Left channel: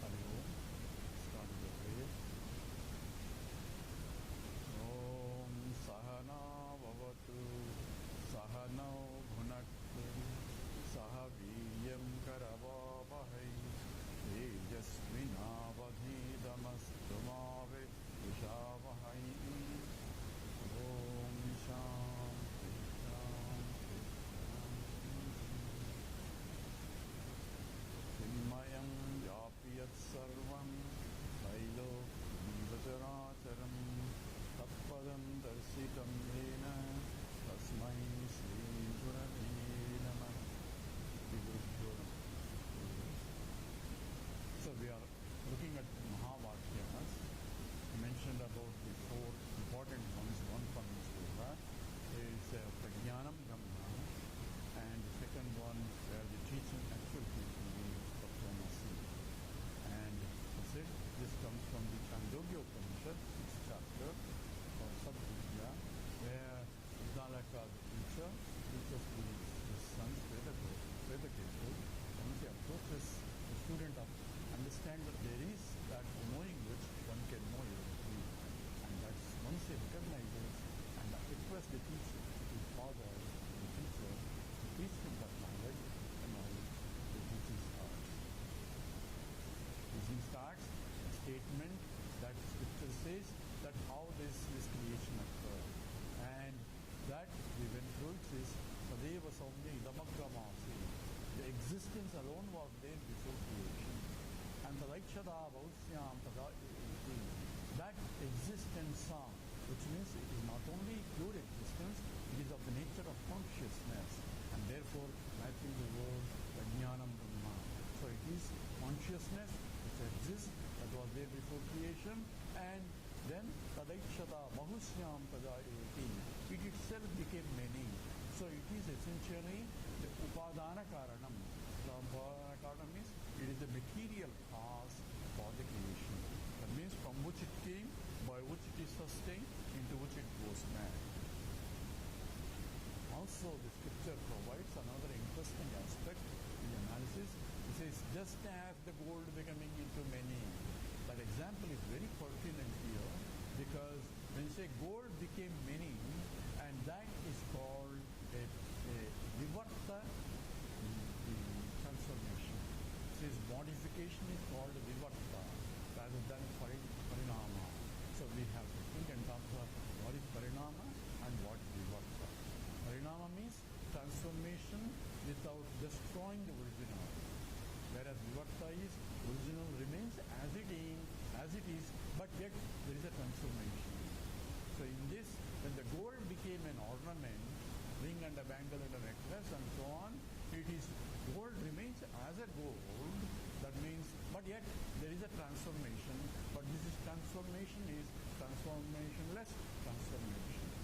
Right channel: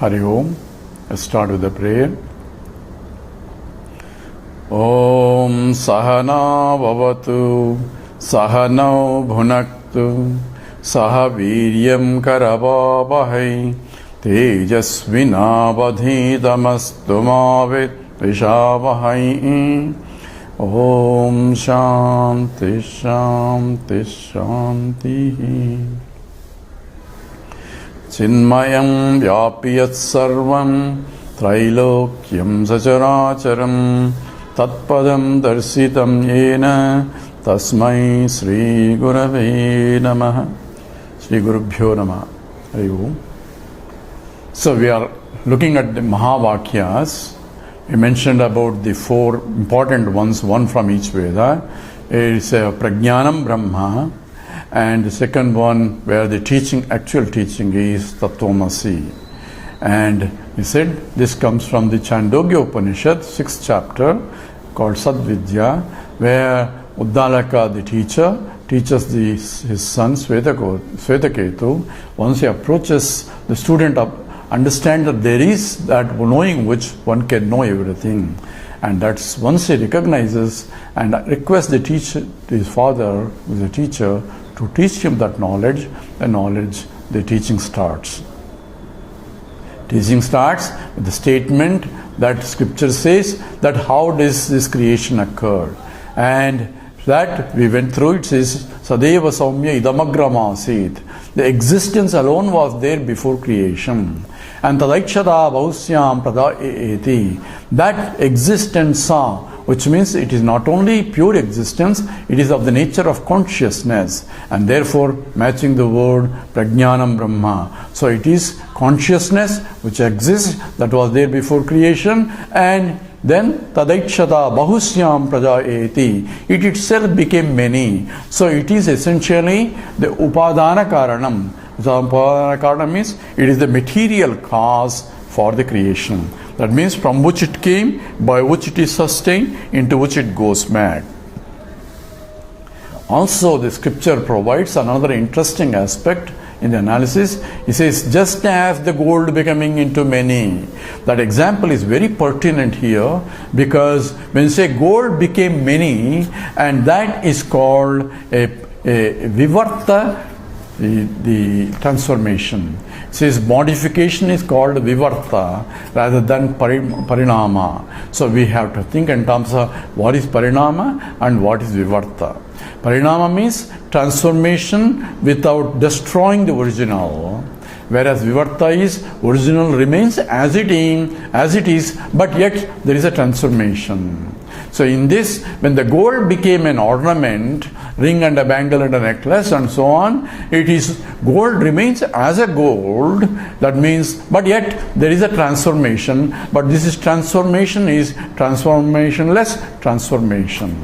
Hari Om. Let's start with the prayer. Om Sahana Bhavatu Sahanau Bhunaktu Saha Viryam Karavavahai Tejasvinavadhitamastu Mavit Vishavahai. Om Shanti Shanti Shanti. Chinmayam Vyapiyat Sarvam Trailokyam Sacharacharam Tat Padam Darsitam Yena Tasmai Sri Gurave Namaha. Sri Gurubhyo Namaha. Hari Om. So we are looking at the Mahavakyas. We mentioned about the four important ones, one from each Veda. It's Prajnanam Brahma, and the second one where the actual teaching is Tat Tvam Asi. And he said this comes from the Chandogya Upanishad, 6th chapter, called Sadvidya, where Uddalaka, the teacher, teaches his son Svetaketu. Once he approaches, the student understand that there is that knowing which one can know everything. And that's once he recognizes and requests the teacher, his father, who is a teacher, to teach him that knowledge, the teaching starts. Teaching starts with the statement that scripture says that how does this creation occur. And that we went through, it says, Sadeva Saumya Idamagramasit. The existence alone was there before creation. And Tadaikshada Bausyam Prada Eti. That existence, which means it is not only pure existence, it is of the nature of consciousness, and therefore matching the word Prajnanam Brahma. So it is consciousness which exists, that was there before creation, and then Tadaikshata Bahusyam Prajaeti. It itself became many. So it is essentially the Upadana Karanam. So Upadana Karanam means it is the material cause for the creation. That means from which it came, by which it is sustained, into which it goes mad. Also, the scripture provides another interesting aspect in the analysis. It says, just as the gold becoming into many. That example is very pertinent here, because when you say gold became many, and that is called a vivarta, the transformation. It says modification is called vivarta rather than parinama. So we have to think in terms of what is parinama and what is vivarta. Parinama means transformation without destroying the original, whereas vivarta is original remains as it is, but yet there is a transformation. So in this, when the gold became an ornament, ring and a bangle and a necklace and so on, it is gold remains as a gold. That means, but yet there is a transformation. But this is transformationless transformation.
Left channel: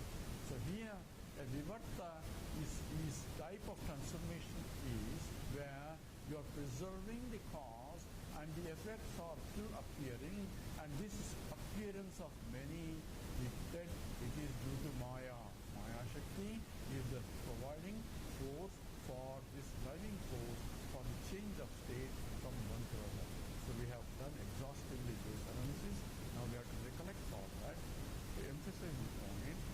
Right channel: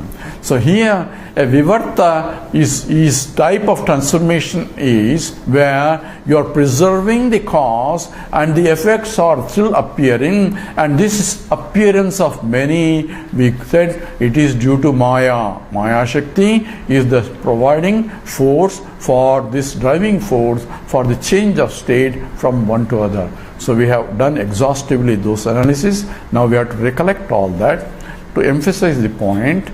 So here a vivarta is type of transformation is where you are preserving the cause and the effects are still appearing, and this appearance of many, we said it is due to Maya. Maya Shakti is the providing force for this driving force for the change of state from one to other. So we have done exhaustively those analyses. Now we have to recollect all that to emphasize the point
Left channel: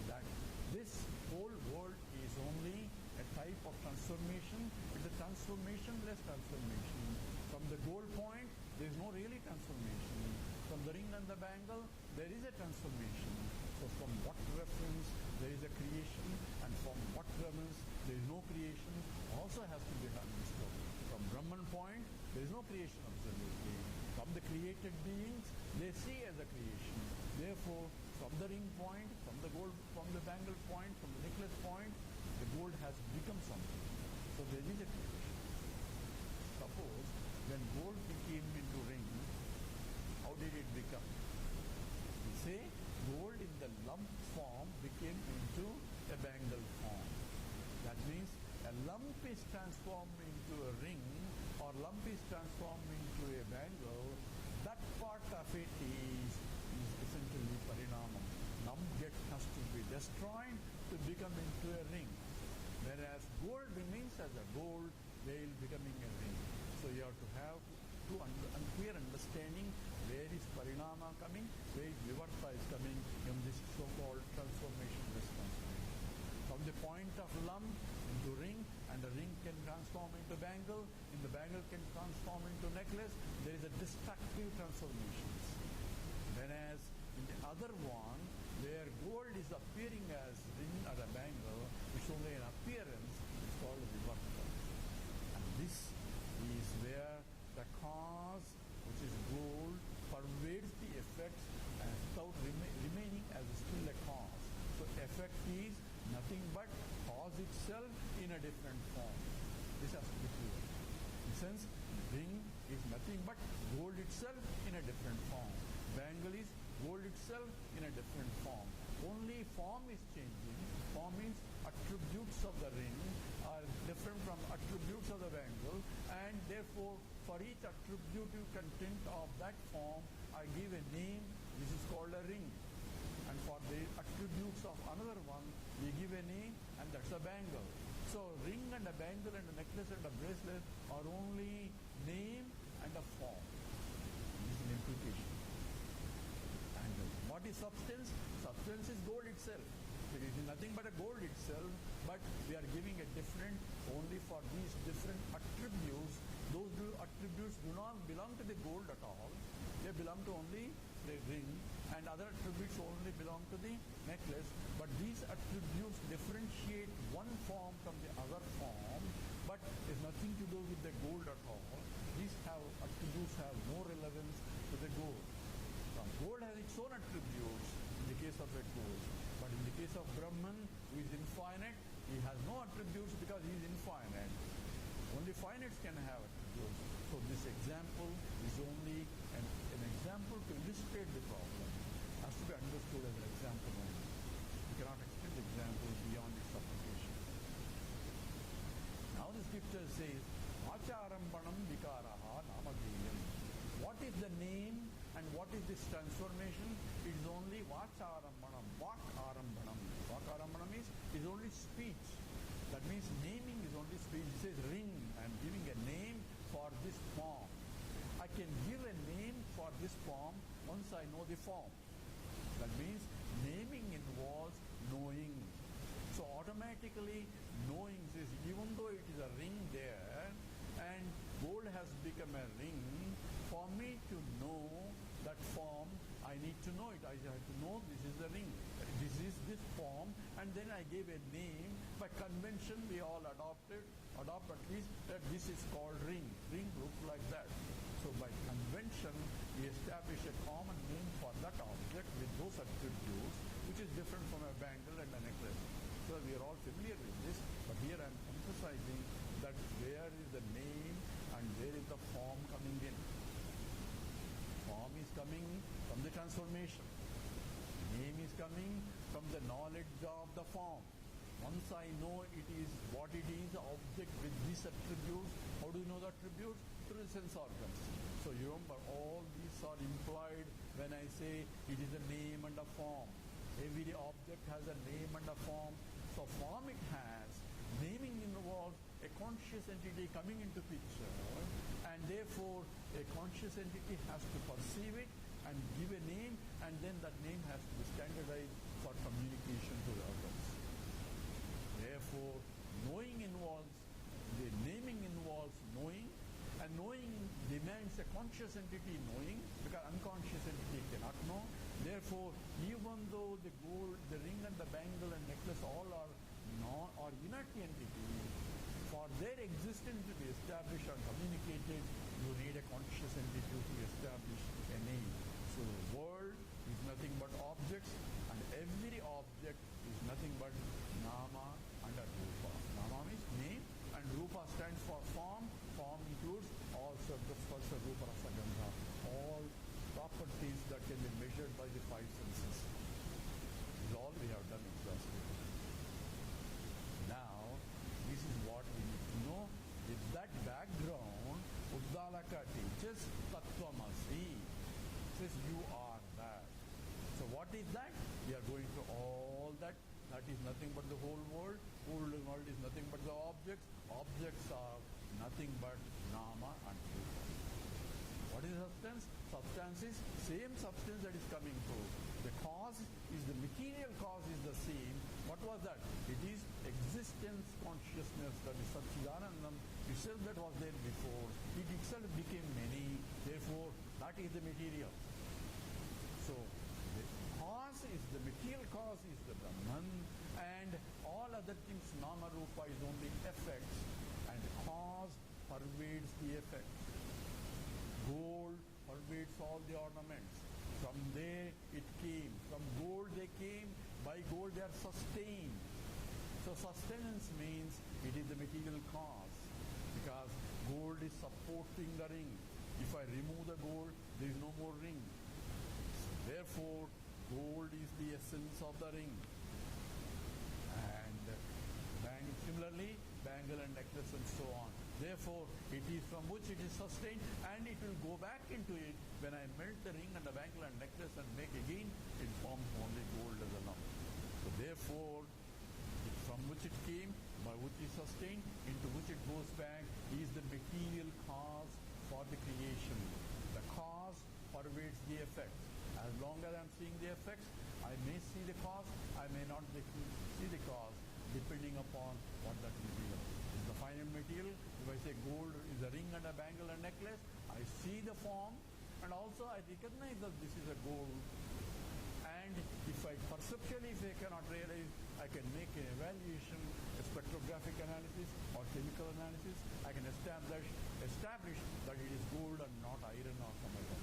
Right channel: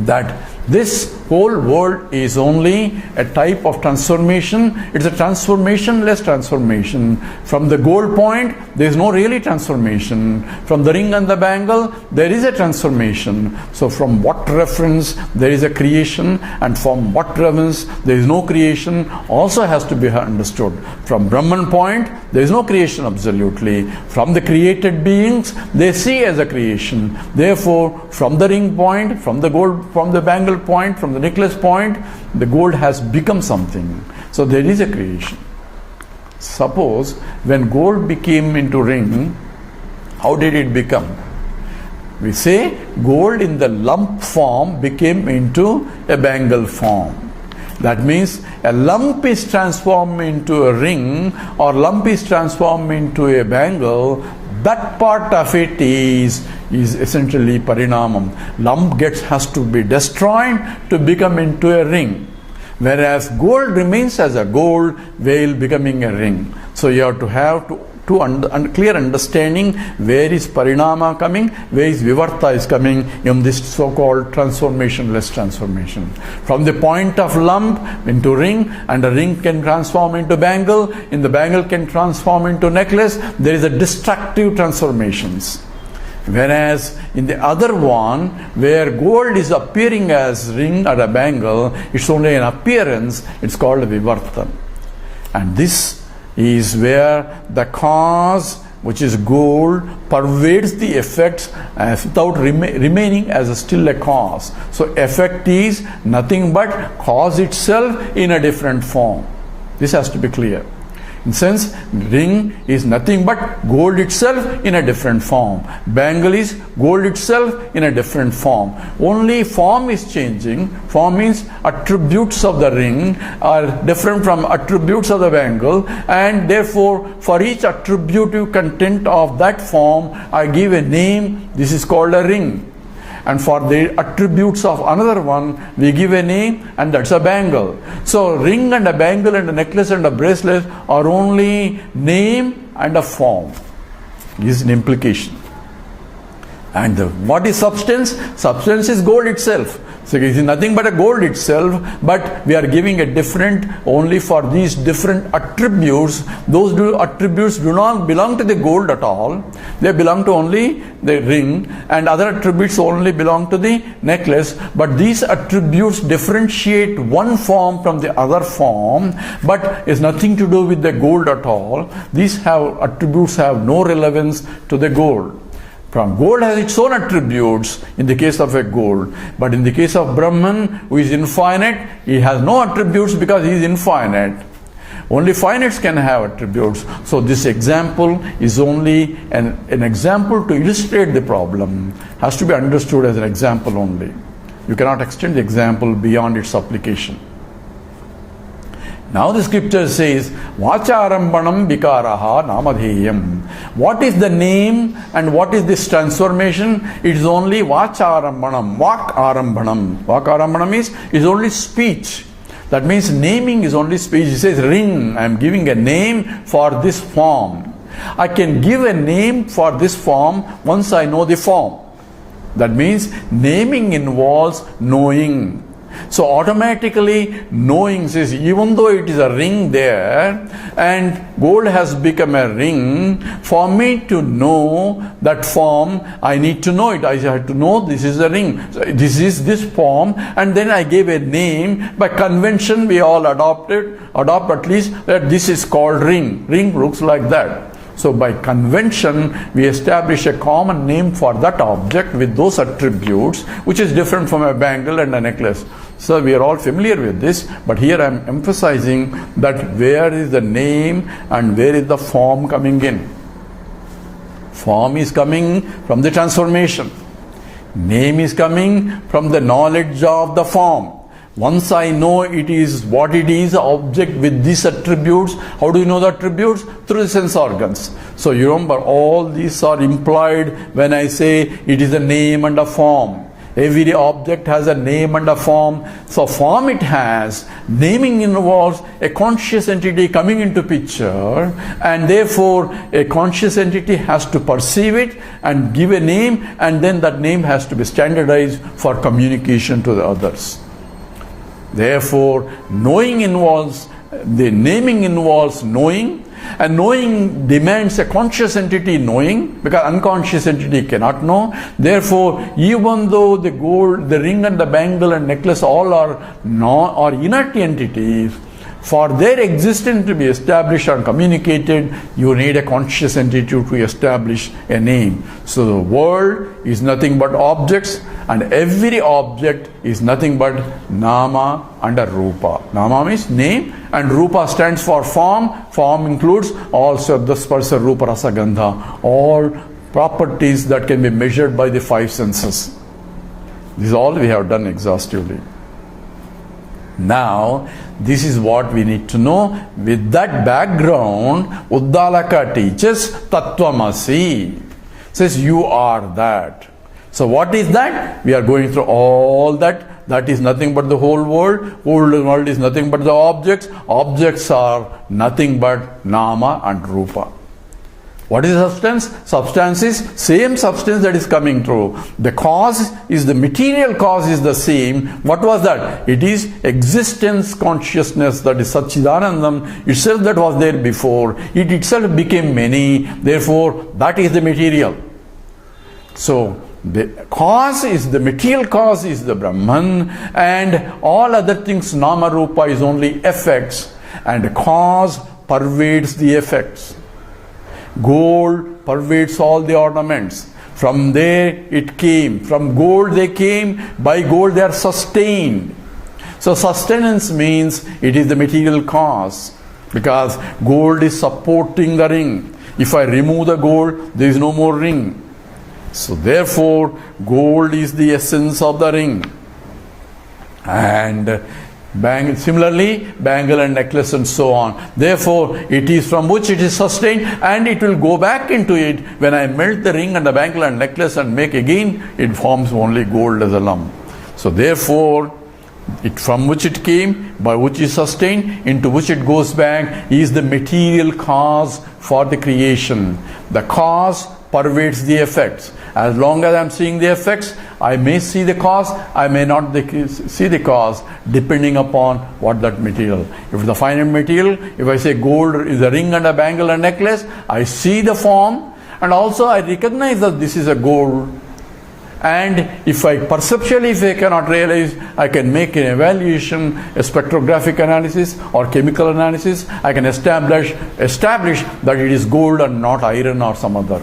that this whole world is only a type of transformation. It's a transformationless transformation. From the gold point, there is no really transformation. From the ring and the bangle, there is a transformation. So from what reference there is a creation, and from what reference there is no creation, also has to be understood. From Brahman point, there is no creation absolutely. From the created beings, they see as a creation. Therefore, from the ring point, from the gold, from the bangle point, from the necklace point, the gold has become something. So there is a creation. Suppose when gold became into ring, how did it become? We say gold in the lump form became into a bangle form. That means a lump is transformed into a ring, or lump is transformed into a bangle. That part of it is essentially parinamam. Lump has to be destroyed to become into a ring, whereas gold remains as a gold, veil becoming a ring. So you have to clear understanding where is parinama coming, where is vivarta is coming in this so-called transformationless transformation. From the point of lump into ring, and a ring can transform into bangle, in the bangle can transform into necklace. There is a destructive transformations. Whereas in the other one, where gold is appearing as ring or a bangle, it's only an appearance, it's called a vivarta. And this is where the cause, which is gold, pervades the effects without remaining as still a cause. So effect is nothing but cause itself in a different form. This has to be clear. In sense, ring is nothing but gold itself in a different form. Bangle is gold itself in a different form. Only form is changing. Form means attributes of the ring are different from attributes of the bangle, and therefore for each attributive content of that form I give a name. This is called a ring. And for the attributes of another one, we give a name, and that's a bangle. So ring and a bangle and a necklace and a bracelet are only name and a form. This is an implication. And what is substance? Substance is gold itself. So it is nothing but a gold itself, but we are giving a different only for these different attributes. Those attributes do not belong to the gold at all. They belong to only the ring, and other attributes only belong to the necklace. But these attributes differentiate one form from the other form, but is nothing to do with the gold at all. These attributes have no relevance to the gold. From gold has its own attributes in the case of a gold, but in the case of Brahman, who is infinite, he has no attributes because he is infinite. Only finites can have attributes. So this example is only an example to illustrate the problem. Has to be understood as an example only. You cannot extend the example beyond its application. Now the scripture says, Vacharambanam vikaraha namadheyam. What is the name and what is this transformation? It is only Vacharambanam, Vakarambanam. Vakarambanam is only speech. That means naming is only speech. It says ring, I am giving a name for this form. I can give a name for this form once I know the form. That means naming involves knowing. So automatically knowing says, even though it is a ring there and gold has become a ring, for me to know that form, I need to know it. I have to know this is a ring. So this is this form, and then I gave a name. By convention we all adopt at least that this is called ring. Ring looks like that. So by convention, we establish a common name for that object with those attributes, which is different from a bangle and a necklace. So we are all familiar with this, but here I am emphasizing that where is the name and where is the form coming in. Form is coming from the transformation. Name is coming from the knowledge of the form. Once I know it is what it is, object with these attributes. How do you know the attributes? Through the sense organs. So you remember, all these are implied when I say it is a name and a form. Every object has a name and a form. So form it has. Naming involves a conscious entity coming into picture, and therefore a conscious entity has to perceive it and give a name, and then that name has to be standardized for communication to the others. Therefore, knowing involves, the naming involves knowing, and knowing demands a conscious entity knowing, because unconscious entity cannot know. Therefore, even though the gold, the ring and the bangle and necklace all are inert entities, for their existence to be established and communicated, you need a conscious entity to establish a name. So the world is nothing but objects, and every object is nothing but nama and a rupa. Nama means name, and rupa stands for form. Form includes all shabda, sparsa, rupa, rasa, gandha, all properties that can be measured by the five senses. This is all we have done exhaustively. Now, this is what we need to know. With that background, Uddalaka teaches Tat Tvam Asi. Says you are that. So what is that? We are going through all that. That is nothing but the whole world. Whole world is nothing but the objects. Objects are nothing but nama and rupa. What is substance? Substance is same substance that is coming through. The cause is the material cause is the same. What was that? It is existence consciousness, that is Satchidanandam itself that was there before. It itself became many. Therefore, that is the material. So, the cause is the material cause is the Brahman, and all other things, Nama Rupa, is only effects, and the cause pervades the effects. Gold pervades all the ornaments. From there it came. From gold they came. By gold they are sustained. So sustenance means it is the material cause, because gold is supporting the ring. If I remove the gold, there is no more ring. So therefore, gold is the essence of the ring. And similarly, bangle and necklace and so on. Therefore, it is from which it is sustained, and it will go back into it. When I melt the ring and the bangle and necklace and make again, it forms only gold as a lump. So therefore, it from which it came, by which is sustained, into which it goes back, is the material cause for the creation. The cause pervades the effects. As long as I am seeing the effects, I may see the cause, I may not see the cause, depending upon what that material. If the finite material, if I say gold is a ring and a bangle and necklace, I see the form, and also I recognize that this is a gold. And if I perceptually, if I cannot realize, I can make an evaluation, a spectrographic analysis or chemical analysis. I can establish that it is gold and not iron or some other.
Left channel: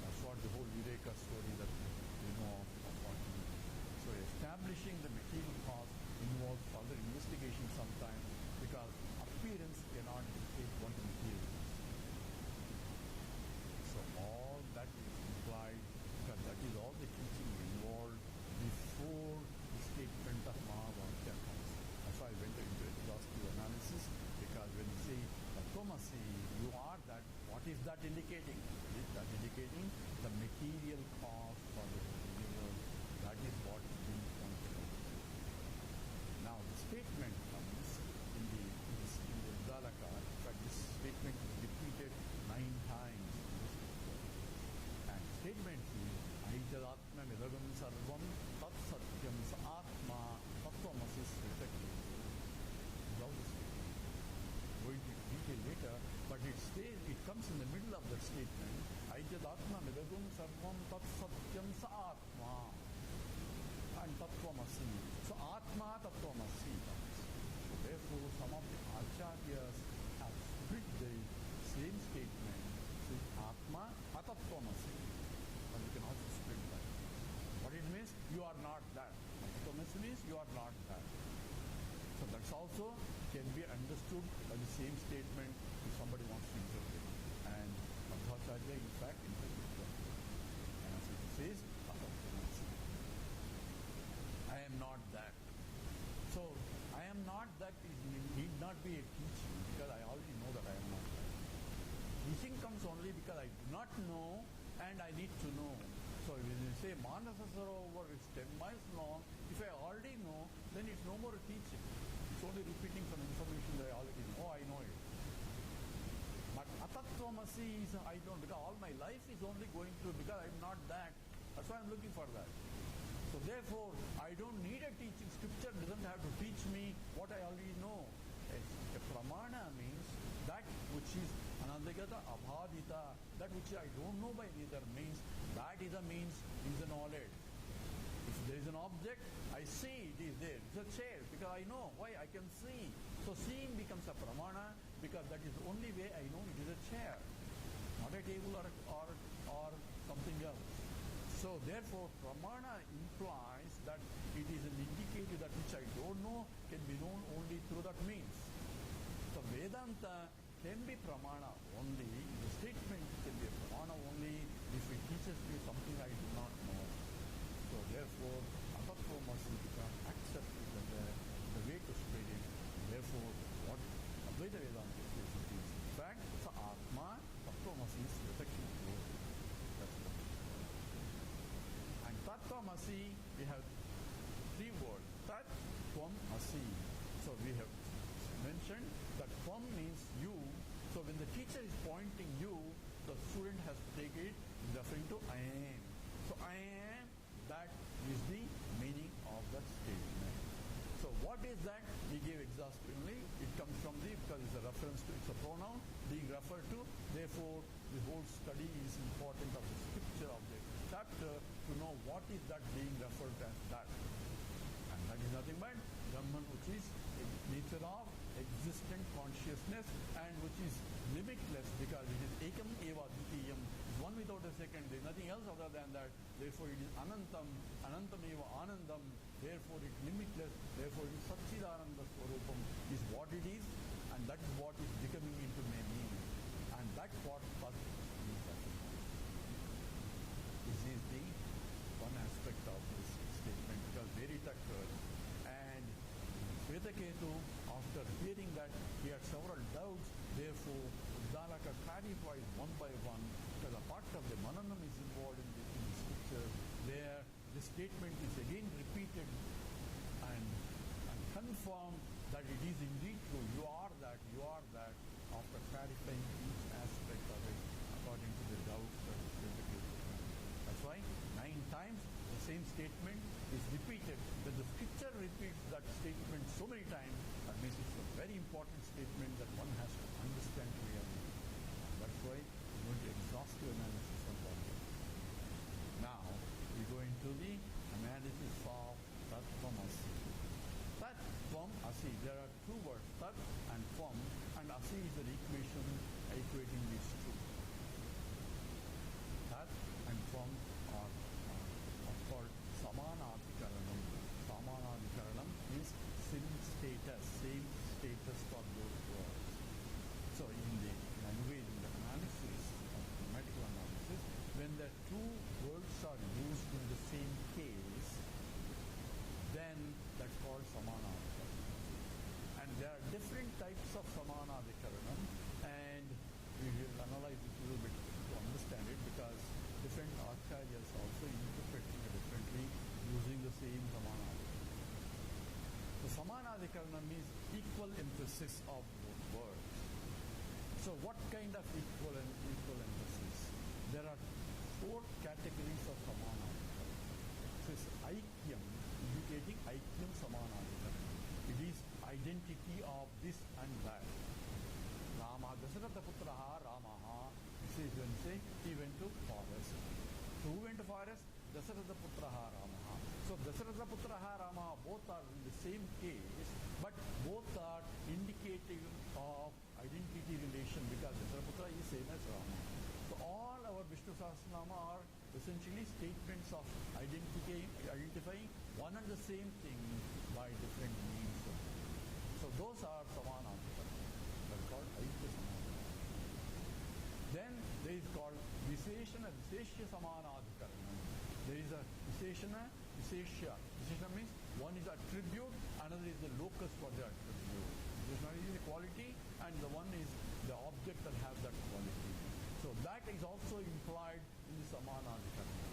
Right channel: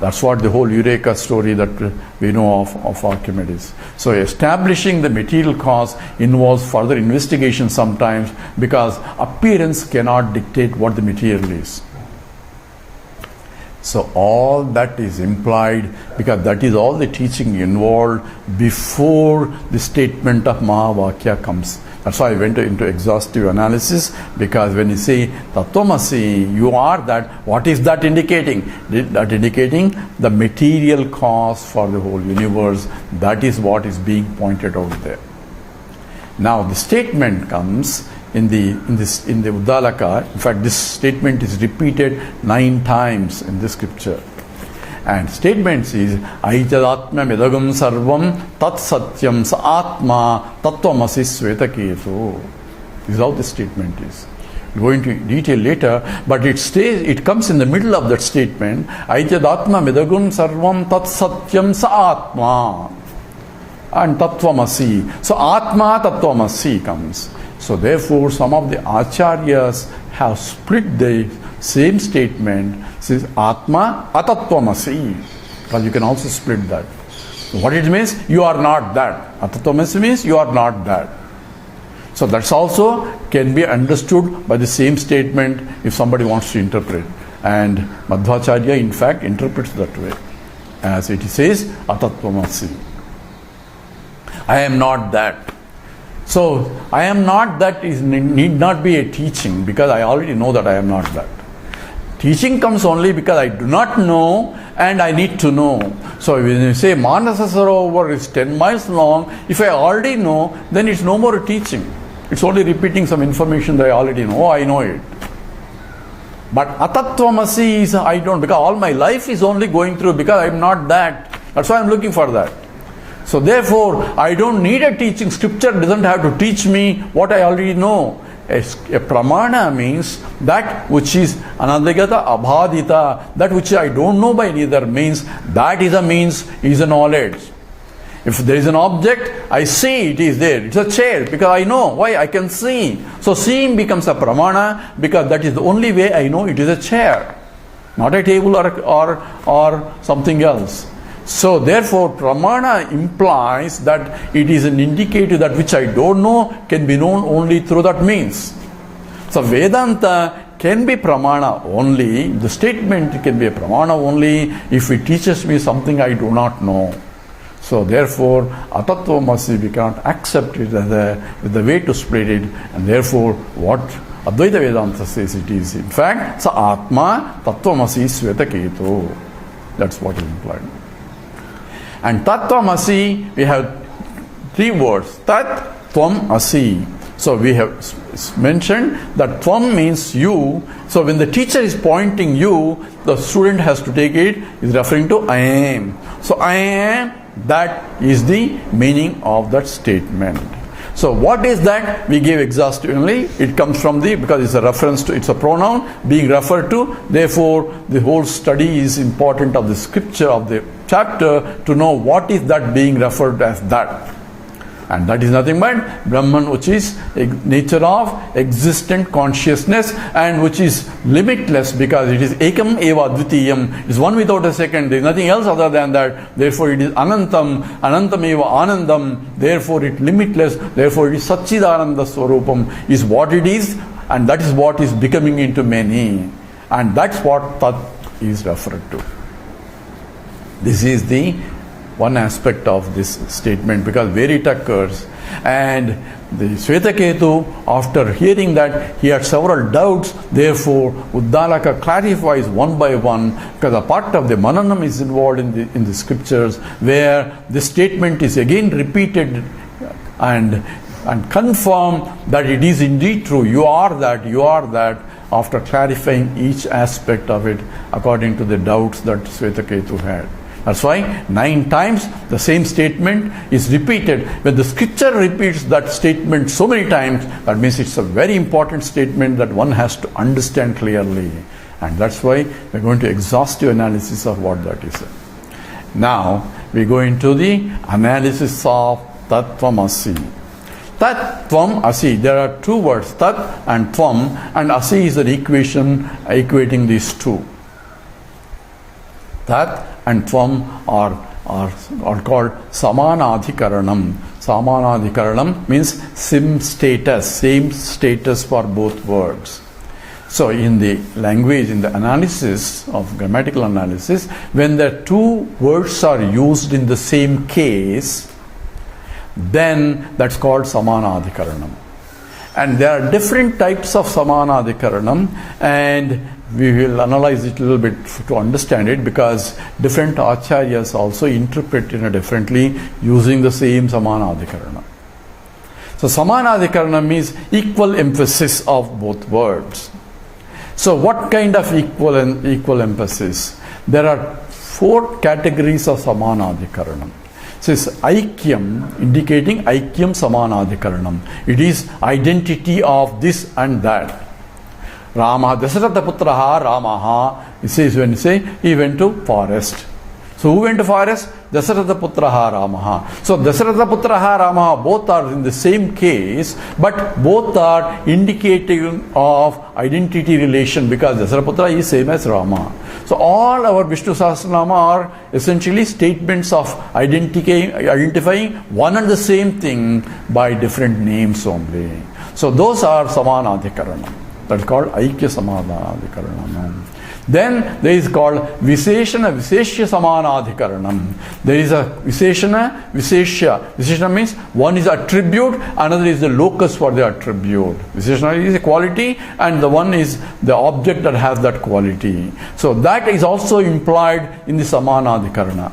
That's what the whole Eureka story that we know of Archimedes. So establishing the material cause involves further investigation sometimes, because appearance cannot dictate what the material is. So all that is implied, because that is all the teaching involved before the statement of mahavakya comes. That's why I went into exhaustive analysis, because when you say Tat Tvam Asi, you are that, what is that indicating? That indicating the material cause for the whole universe. That is what is being pointed out there. Now the statement comes in the Uddalaka. In fact, this statement is repeated 9 times in the scripture. And statement is Aichadatma Medagam Sarvam Tat Satyam Sa Atma Tat Tvam Asi Svetaketu. This is how the statement is. We'll go into detail later, but it comes in the middle of that statement. Aichadatma Medagam Sarvam Tat Satyam Sa Atma and Tat Tvam Asi. So Atma Tat Tvam Asi comes. So therefore, some of the Acharyas have split the same statement, says Atma Tat Tvam Asi, because you can also split that. What it means? You are not that. Tat Tvam Asi means you are not that. So that's also can be understood by the same statement if somebody wants to interpret. And Madhvacharya in fact interprets that way, as it says Tat Tvam Asi. I am not that. So I am not that need not be a teaching, because I already know that I am not that. Teaching comes only because I do not know and I need to know. So when you say Manasa Sarovar is 10 miles long, if I already know, then it's no more a teaching. It's only repeating some information that I already know. Oh, I know it. But Tat Tvam Asi is I don't, because all my life is only going through because I'm not that. That's why I'm looking for that. So therefore, I don't need a teaching. Scripture doesn't have to teach me what I already know. A pramana means that which is anadagata abhadita, that which I don't know by neither means, that is a means, is a knowledge. If there is an object, I see it is there. It's a chair, because I know. Why? I can see. So seeing becomes a pramana, because that is the only way I know it is a chair, not a table or something else. So therefore, pramana implies that it is an indicator that which I don't know can be known only through that means. So Vedanta can be pramana only, the statement can be a pramana only if it teaches me something I do not know. So therefore, Tat Tvam Asi, we cannot accept it as the way to split it, and therefore what Advaita Vedanta says it is, in fact, Sa Atma Tat Tvam Asi Svetaketu. That's what is implied. And Tat Tvam Asi, we have 3 words. Tat Tvam Asi. So we have mentioned that Tvam means you. So when the teacher is pointing you, the student has to take it is referring to I am. So I am, that is the meaning of that statement. So what is that? We gave exhaustively. It comes from because it's a reference to, it's a pronoun being referred to. Therefore, the whole study is important of the scripture of the chapter to know what is that being referred as that. And that is nothing but Brahman, which is a nature of existent consciousness and which is limitless because it is ekam eva dvitiyam. It is one without a second. There is nothing else other than that. Therefore it is anantam, anantam eva anandam. Therefore it is limitless. Therefore it is satchidananda swarupam is what it is, and that is what is becoming into many. And that's what Tat is referred to. This is the one aspect of this statement, because where it occurs, and the Swetaketu, after hearing that, he had several doubts. Therefore Uddalaka clarifies one by one, because a part of the Mananam is involved in the scriptures, where the statement is again repeated and confirm that it is indeed true. You are that, after clarifying each aspect of it according to the doubts that Swetaketu had. That's why 9 times the same statement is repeated. When the scripture repeats that statement so many times, that means it's a very important statement that one has to understand clearly. And that's why we're going to exhaustive analysis of what that is. Now we go into the analysis of Tat Tvam Asi. Tat Tvam Asi. There are 2 words, Tat and Tvam, and Asi is an equation equating these 2. Tat and Tvam are called Samanadhikaranam. Samanadhikaranam means same status for both words. So in the language, in the analysis of grammatical analysis, when the 2 words are used in the same case, then that's called Samanadhikaranam. And there are different types of Samanadhikaranam, and we will analyze it a little bit to understand it, because different acharyas also interpret it differently using the same Samanadhikaranam. So Samanadhikaranam means equal emphasis of both words. So what kind of equal emphasis? There are 4 categories of Samanadhikaranam. So it's Aikyam, indicating Aikyam Samanadhikaranam. It is identity of this and that. Rama, Dasharatha Putraha Ramaha. It says, when you say he went to forest. So who went to forest? Dasharatha Putraha Ramaha. So Dasharatha Putraha Ramaha, both are in the same case, but both are indicating of identity relation, because Dasharatha Putra is same as Rama. So all our Vishnu Sahasranama are essentially statements of identifying one and the same thing by different names only. So those are Samanadhikaranam. That's called Aikya Samanadhikaranam. Then there is called Visheshana Visheshya Samanadhikaranam. There is a Visheshana Visheshya. Visheshana means one is attribute, another is the locus for the attribute. Visheshana is a quality, and the one is the object that has that quality. So that is also implied in the Samanadhikarana.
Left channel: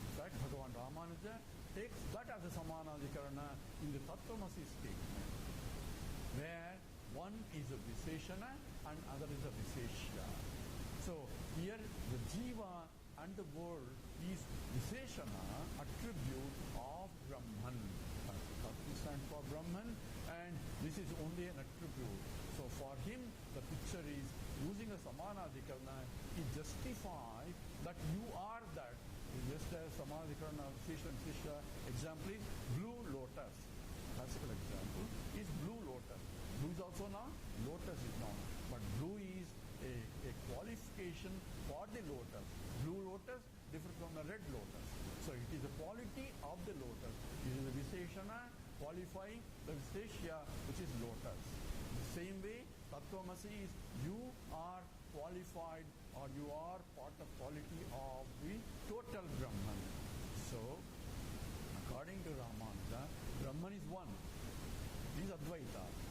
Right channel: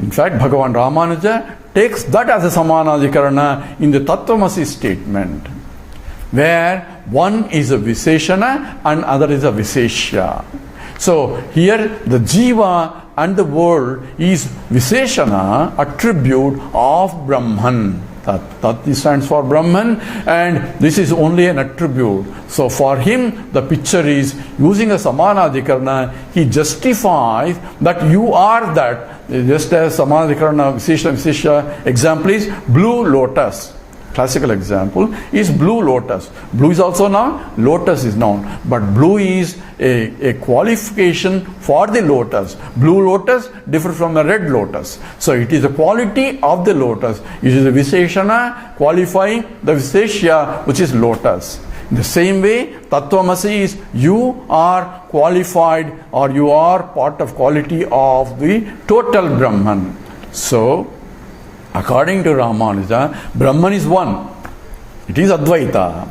In fact, Bhagavan Ramana takes that as a Samanadhikarana in the Tat Tvam Asi statement, where one is a Visheshana and other is a Visheshya. So here the Jiva and the world is Visheshana, attribute of Brahman. Tat stands for Brahman, and this is only an attribute. So for him, the picture is using a Samanadhikarana, he justifies that you are that. Just as Samanadhikarana, Visheshya example is blue lotus. Classical example is blue lotus. Blue is also noun, lotus is noun. But blue is a qualification for the lotus. Blue lotus differs from the red lotus. So it is a quality of the lotus. It is a Visheshana qualifying the Visheshya, which is lotus. In the same way, Tat Tvam Asi is you are qualified, or you are part of quality of the total Brahman. So according to Ramanuja, Brahman is one. It is Advaita.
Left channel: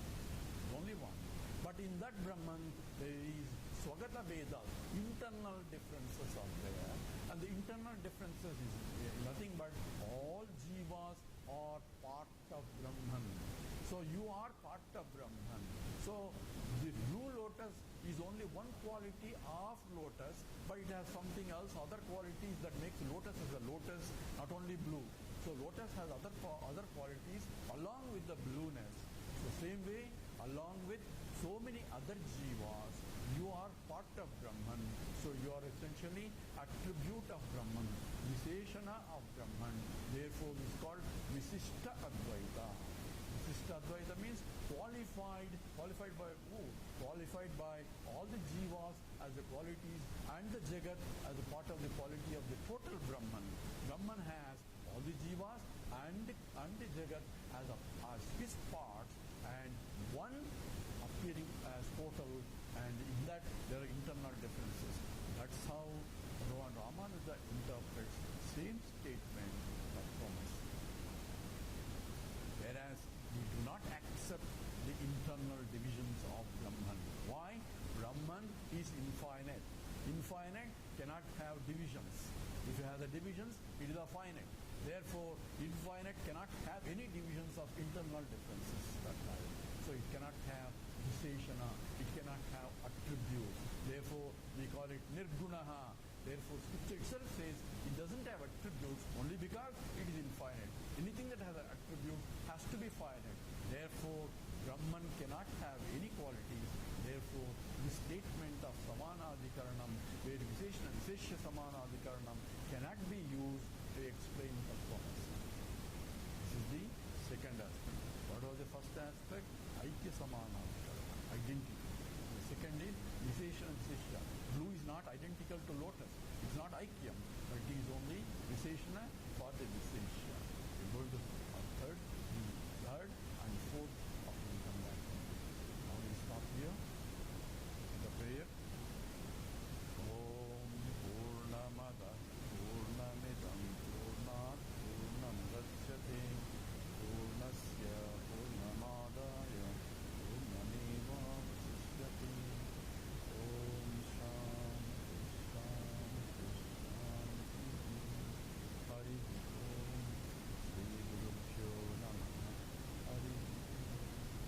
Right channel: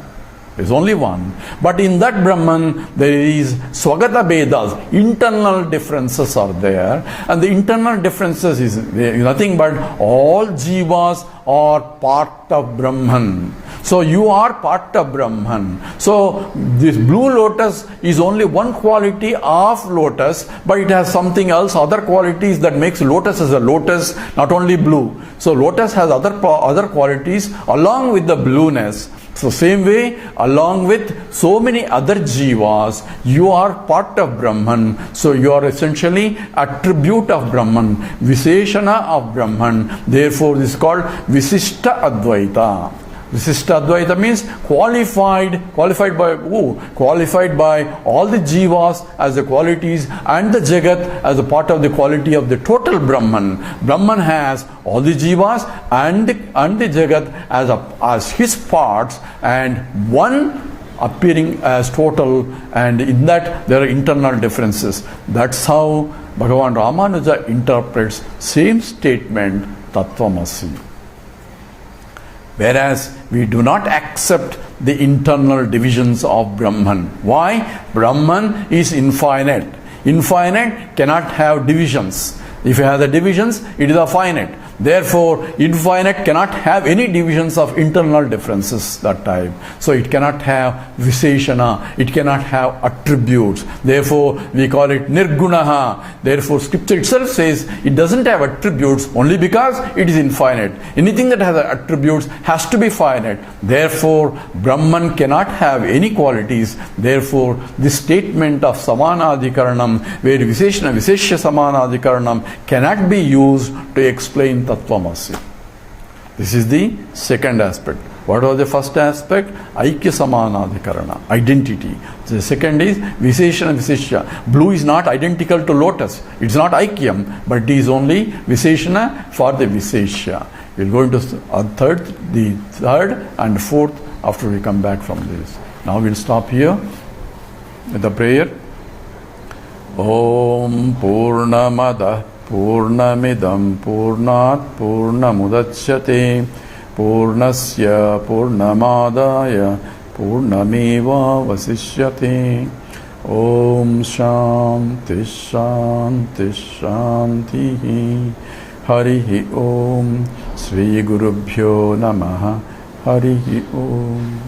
There is only one. But in that Brahman, there is Swagata Vedas. Internal differences are there. And the internal differences is nothing but all jivas are part of Brahman. So you are part of Brahman. So this blue lotus is only one quality of lotus, but it has something else, other qualities that makes lotus as a lotus, not only blue. So lotus has other qualities along with the blueness. So same way, along with so many other jivas, you are part of Brahman. So you are essentially attribute of Brahman, Visheshana of Brahman. Therefore this is called Visishta Advaita. Visishta Advaita means qualified by who? Qualified by all the jivas as the qualities and the Jagat as a part of the quality of the total Brahman. Brahman has all the jivas and the Jagat as his parts, and one appearing as total, and in that there are internal differences. That's how Bhagavan Ramanuja interprets same statement, Tat Tvam Asi. Whereas we do not accept the internal divisions of Brahman. Why? Brahman is infinite. Infinite cannot have divisions. If it has the divisions, it is a finite. Therefore, infinite cannot have any divisions of internal differences that type. So it cannot have Visheshana, it cannot have attributes. Therefore, we call it Nirgunaha. Therefore, scripture itself says it doesn't have attributes only because it is infinite. Anything that has attributes has to be finite. Therefore, Brahman cannot have any qualities. Therefore, this statement of Samanadhikaranam, where Visheshana, Visheshya Samanadhikaranam cannot be used to explain Tat Tvam Asi. This is the second aspect. What was the first aspect? Aikya Samanadhikarana, identity. The second is Visheshana Visheshya. Blue is not identical to lotus. It's not Aikyam, but it is only Visheshana for the Visheshya. We'll go into the third and fourth after we come back from this. Now we'll stop here with the prayer. Om Purnamada Purnamidam Purnat Purnamudachyate Purnasya Purnamadaya Purnameva Vasishyate. Om Shanti Shanti Shanti. Harihi Om. Sri Gurubhyo Namaha. Harihi Om.